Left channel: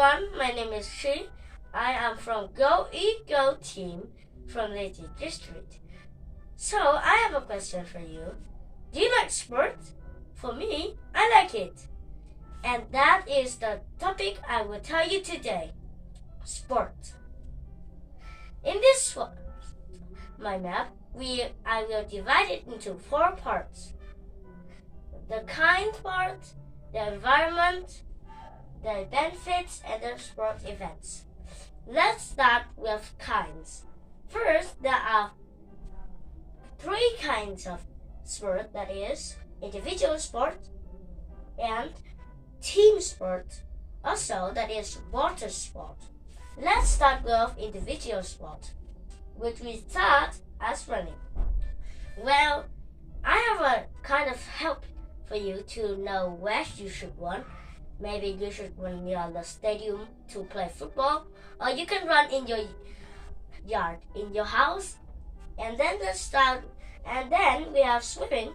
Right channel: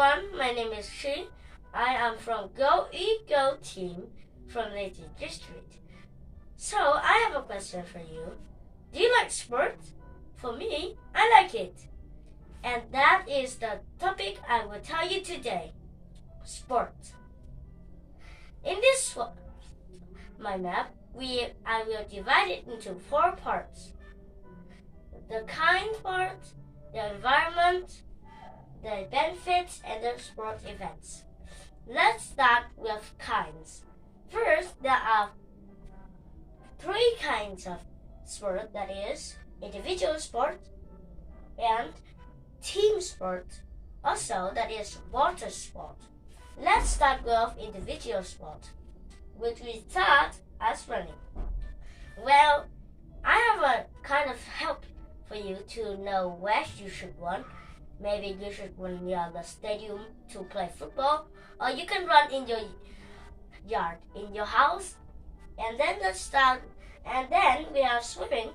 everyone, my name is Shi. I am from Go Go team from Leyte District. So I have a question for you. Do you like sports? For me, I like it. And that is the topic I will tell you today. Sport. In this my map, I will divide it into 4 parts. The kind part, the environment, the benefits, and the sport events. Let's start with kinds. First, there are 3 kinds of sport, that is individual sport and team sport, also that is water sport. Let's start with individual sport, which we start as running. Well, I have a kind of help for you to know where you should run. Maybe you should run near the stadium to play football, or you can run in your yard, in your house. And then we have swimming.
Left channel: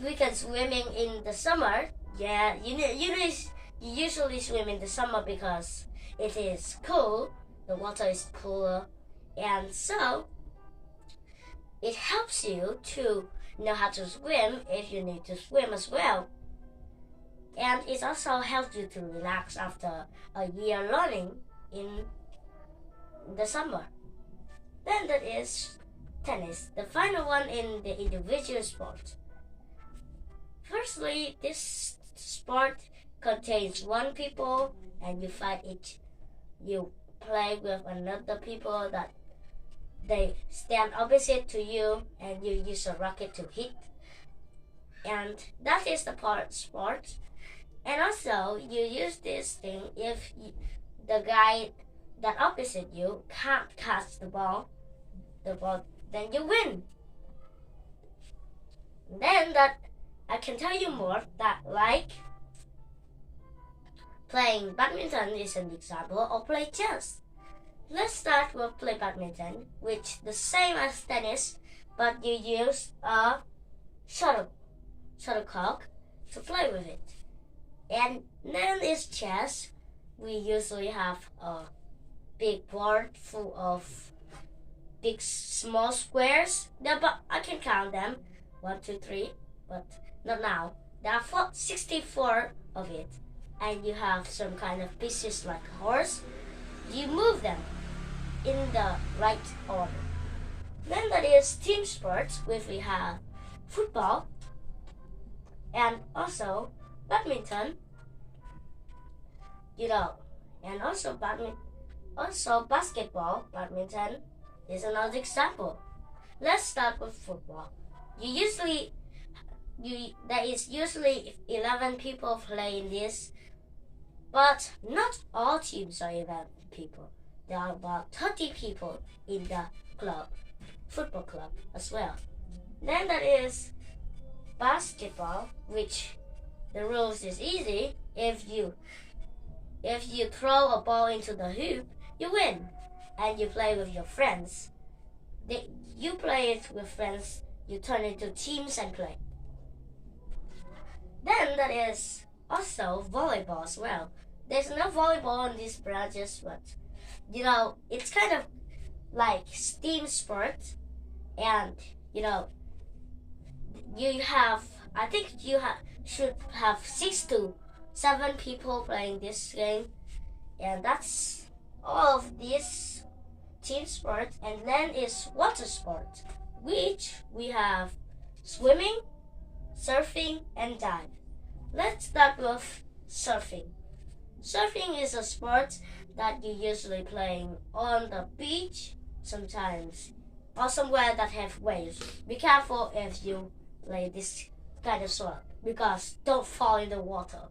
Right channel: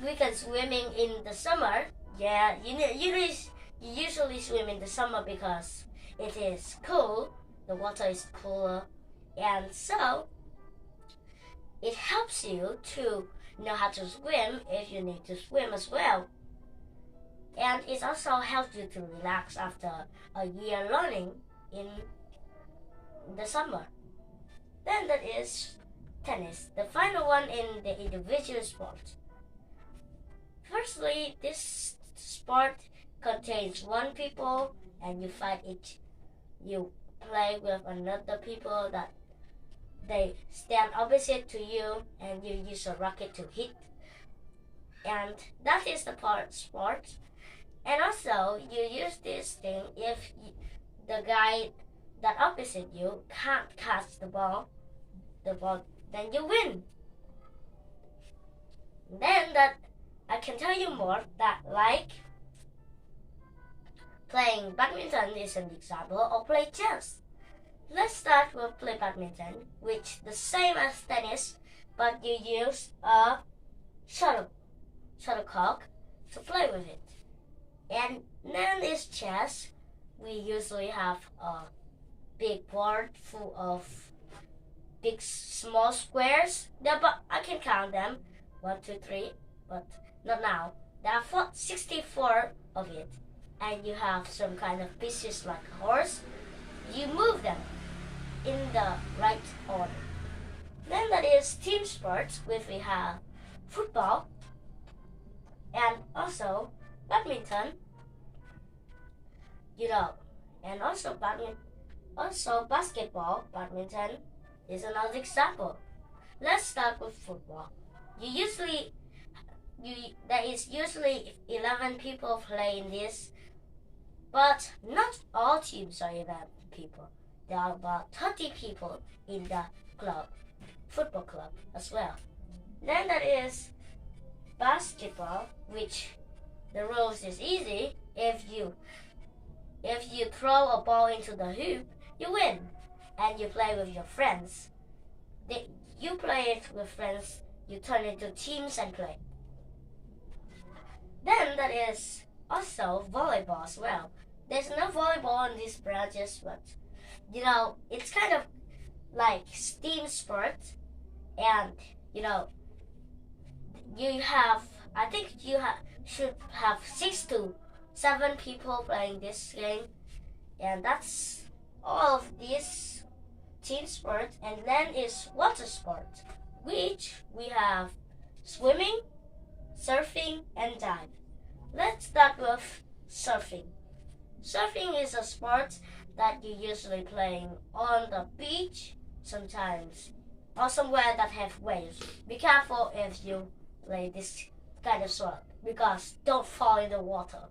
We can swimming in the summer. Yeah, you usually swim in the summer because it is cool. The water is cooler, and so it helps you to know how to swim if you need to swim as well. And it also helps you to relax after a year learning in the summer. Then that is tennis, the final one in the individual sport. Firstly, this sport contains 1 people and you fight it. You play with another people that they stand opposite to you and you use a racket to hit. And that is the sport. And also, you use this thing if the guy that opposite you can't catch the ball, then you win. Then that I can tell you more that like playing badminton is an example, or play chess. Let's start with play badminton, which the same as tennis, but you use a shuttlecock to play with it. And then is chess. We usually have a big board full of small squares. But I can count them, 1, 2, 3, but not now. There are 64 of it, and you have some kind of pieces like a horse. You move them in the right order. Then that is team sports, which we have football and also badminton, and also basketball. Badminton is another example. Let's start with football. There is usually 11 people playing this, but not all teams are 11 people. There are about 30 people in the football club as well. Then that is basketball, which the rules is easy. If you throw a ball into the hoop, you win, and you play with your friends. You play it with friends. You turn into teams and play. Then that is also volleyball as well. There's no volleyball in these branches, but it's kind of like team sport, and I think you should have 6 to 7 people playing this game, and that's all of this team sport. And then is water sport, which we have swimming, surfing, and dive. Let's start with surfing. Surfing is a sport that you usually playing on the beach sometimes, or somewhere that have waves. Be careful if you play this kind of sport, because don't fall in the water.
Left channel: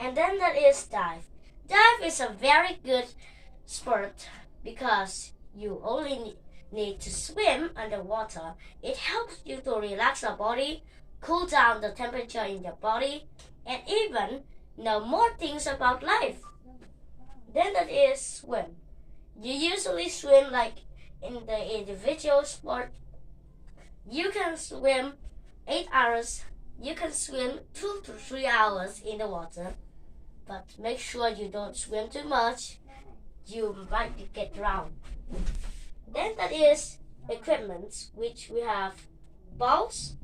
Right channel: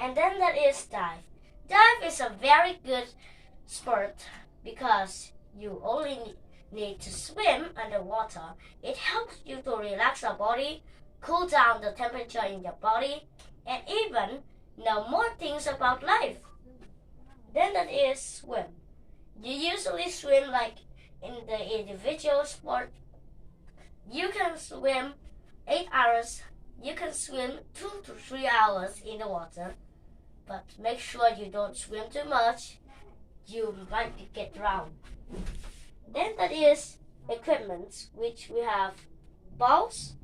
And then there is dive. Dive is a very good sport because you only need to swim underwater. It helps you to relax your body, cool down the temperature in your body, and even know more things about life. Then that is swim. You usually swim like in the individual sport. You can swim 8 hours. You can swim 2 to 3 hours in the water. but make sure you don't swim too much. You might get drowned. Then that is equipment, which we have balls,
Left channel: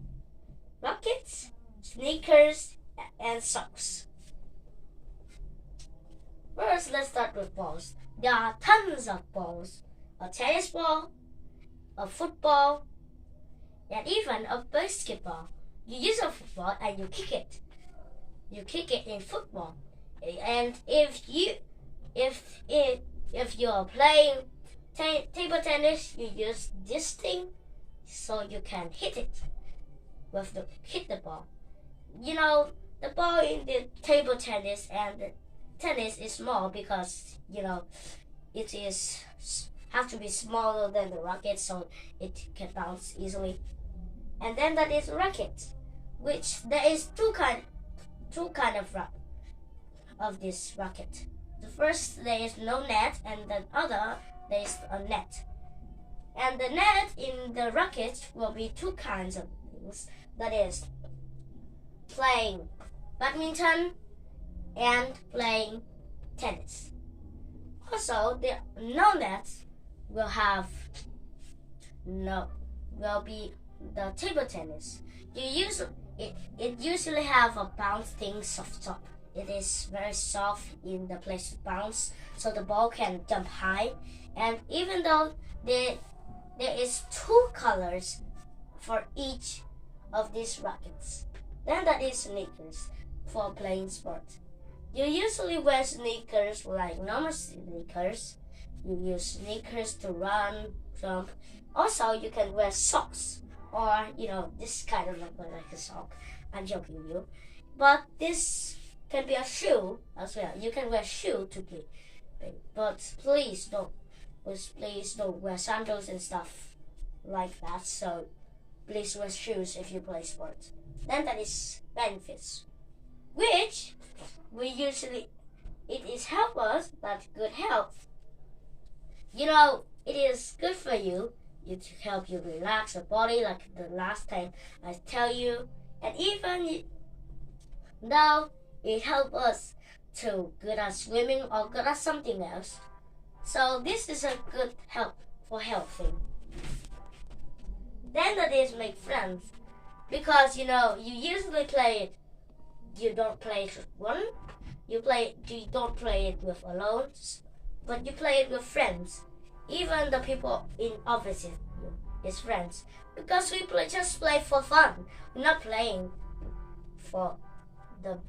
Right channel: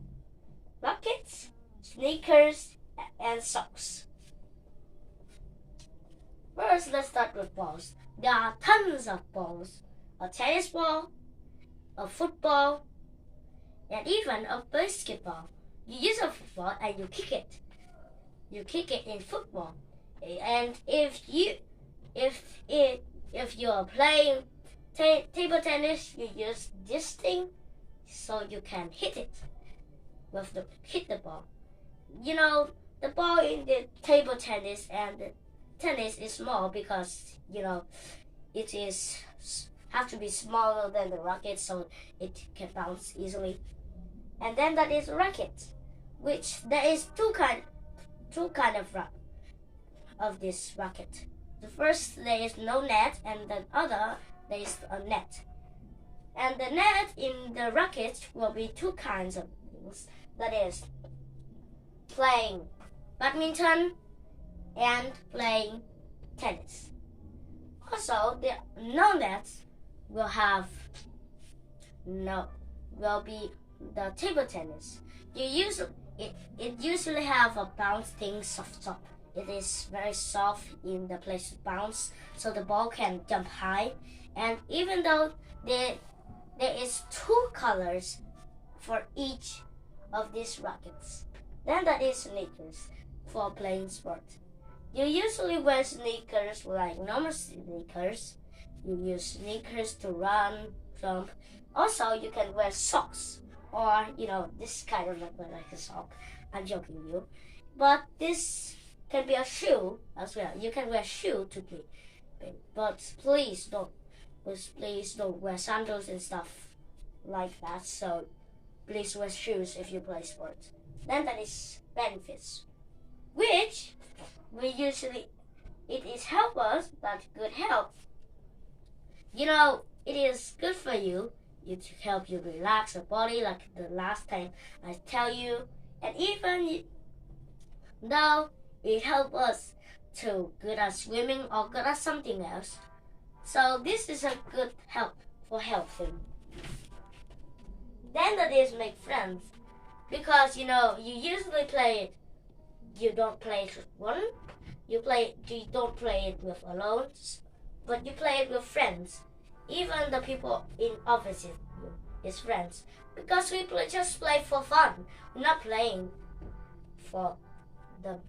rackets, sneakers, and socks. First, let's start with balls. There are tons of balls. A tennis ball, a football, and even a basketball. You use a football and you kick it. You kick it in football. And if you're playing table tennis, you use this thing so you can hit the ball. You know, the ball in the table tennis and the tennis is small because it has to be smaller than the racket so it can bounce easily. And then that is racket, which there is two kind of this racket. The first, there is no net, and the other, there is a net. And the net in the racket will be two kinds of things. That is playing badminton and playing tennis. Also, the no net will be the table tennis. It usually have a bounce thing soft top. It is very soft in the place to bounce, so the ball can jump high. And even though there is two colors for each of these rackets, then that is sneakers for playing sport. You usually wear sneakers like normal sneakers. You use sneakers to run, jump. Also, you can wear socks, or this kind of like a sock. I'm joking you, but this can be a shoe as well. You can wear shoe to play, but please don't wear sandals and stuff like that. So please wear shoes if you play sports. Then that is benefits, which it is help us that good health. It is good for you. It help you relax your body, like the last time I tell you, and even though it help us to good at swimming or good at something else. So this is a good help for healthing. Then that is make friends, because you usually play it. You don't play it with one. You don't play it with alone, but you play it with friends. Even the people in opposite you is friends, because we just play for fun. We're not playing for the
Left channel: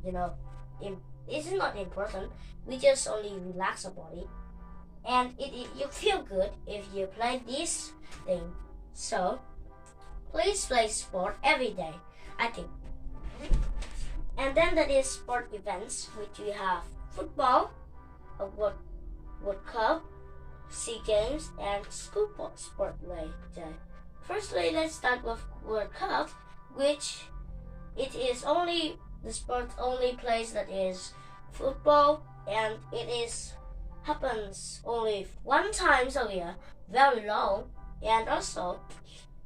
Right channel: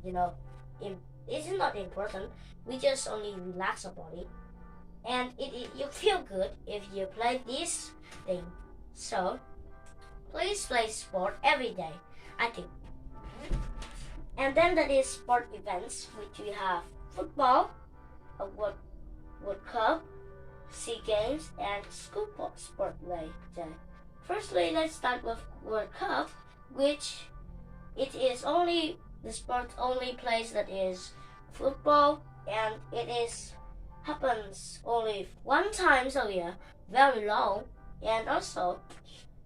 it's not important. We just only relax our body, and you feel good if you play this thing. So please play sport every day, I think. And then that is sport events, which we have football, a World Cup, SEA Games, and school sport day. Firstly, let's start with World Cup, which it is only the sport only place that is football, and happens only one time a year, very long, and also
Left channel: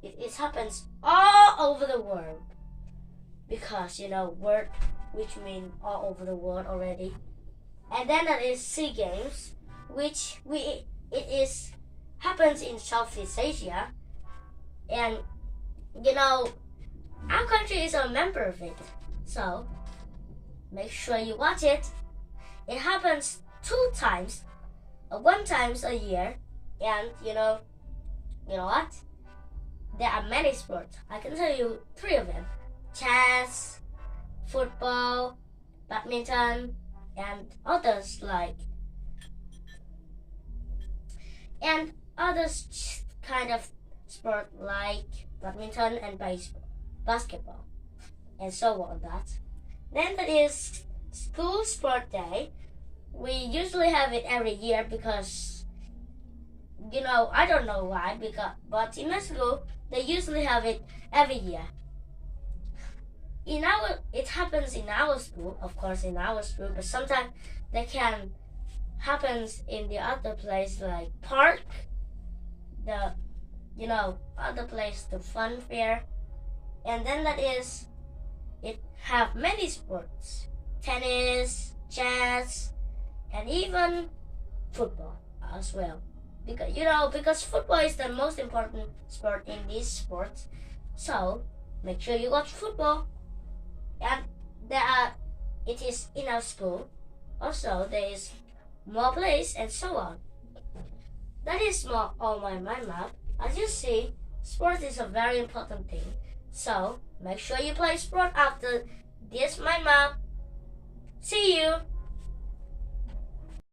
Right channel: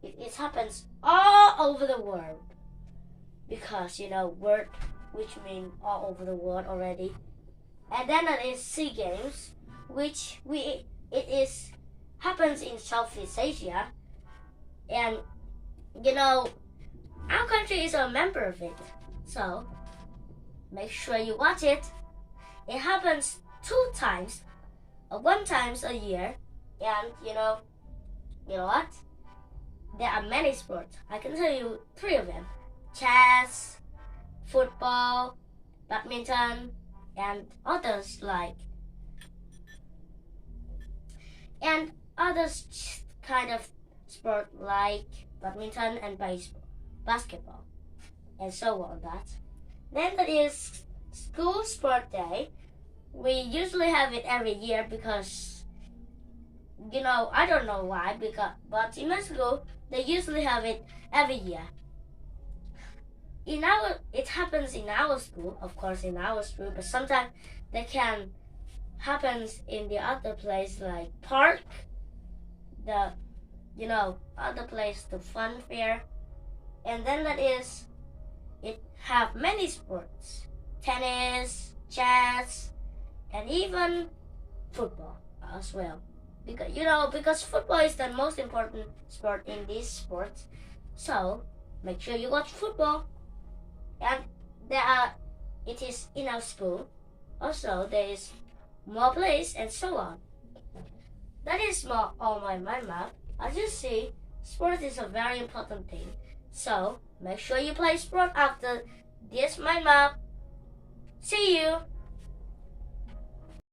it happens all over the world, because world, which means all over the world already. And then that is SEA Games, which happens in Southeast Asia, and our country is a member of it, so make sure you watch it. It happens one times a year, and you know what? There are many sports. I can tell you 3 of them: chess, football, badminton, and others kind of sport like badminton and basketball, and so on that. Then there is school sport day. We usually have it every year because I don't know why, but in my school they usually have it every year. It happens in our school, of course, but sometimes they can happens in the other place like park, the other place, the fun fair. And then that is, it have many sports: tennis, chess, and even football as well. Because football is the most important sport in these sports. So make sure you watch football. And it is in our school. Also, there is more place and so on. That is all my mind map. As you see, sport is a very important thing. So make sure you play sport after this mind map. See you.